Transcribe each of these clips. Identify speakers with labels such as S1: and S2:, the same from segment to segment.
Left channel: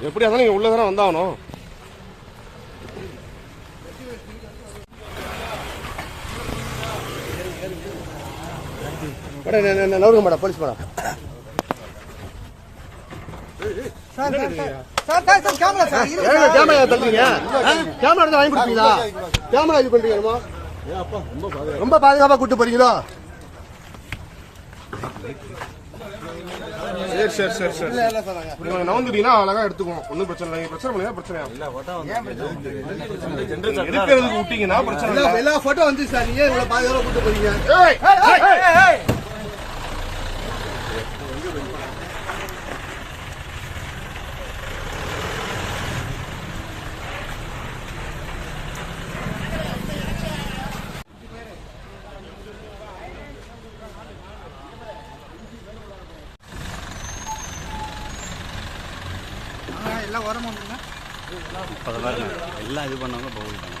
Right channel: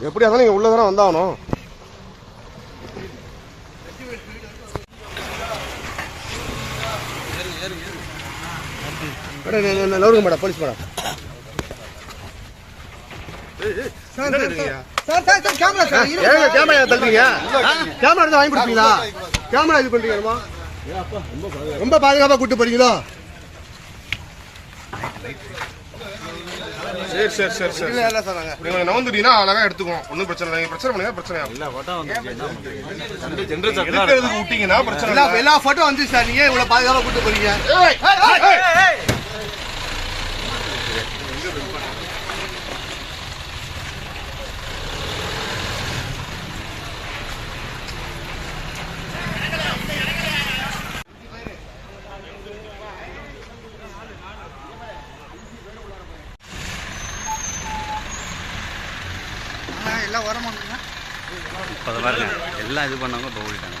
S1: எப்படியா இருந்தாலும் நீங்க உள்ள தானே வந்தாகணும் நவருங்க மேடம் போலீஸ் மேடம். கேமரா தள்ளுறீங்க கேமரா இருந்தா வாங்கி கொடுப்பீங்களா? கேமரா இது பண்றீங்க ரொம்ப பாதுகாப்பா. கூட்டு போறீங்களோ? சரி சரி சரி சரி. நீங்க நவந்துட்டீங்கன்னா அழகா எடுத்துக்குவோம். ஒன்றும் பிரச்சனை இல்லை. நீங்க பிரச்சனை பண்ணுங்க பிரச்சனை எடுக்கிறதுக்கு விட்டீங்கன்னா பிரச்சனை
S2: எல்லா
S1: இல்லை.
S2: எல்லா போட்டோ வந்து சார். நீங்க இவ்வளவு பாதுகாப்பா கூட்டு போறீங்க? எல்லாம் வரமா
S3: இப்போ அதை பாருங்க எல்லாம் இது பண்ணவங்க இப்போ ஓடிட்டாங்க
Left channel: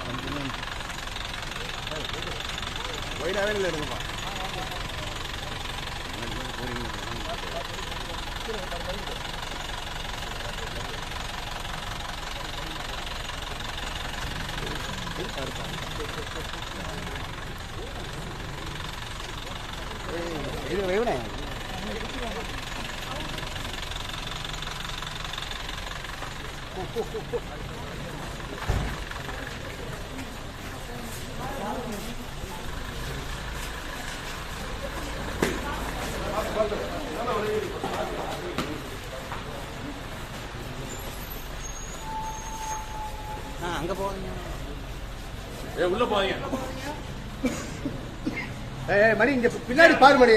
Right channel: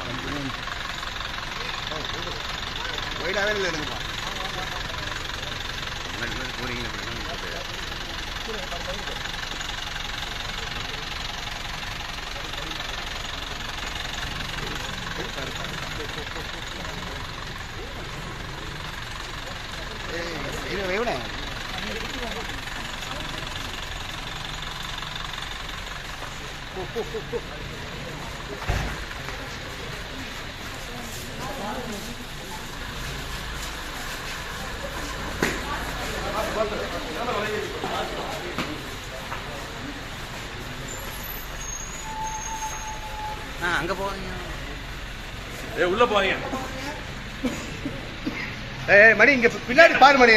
S1: ஒயிடாவே இல்லை
S3: முன்னாடி போறீங்க ஆ அங்கே போவீங்க
S2: ஏய் மணி இங்க பின்னாடி பாரு மணி.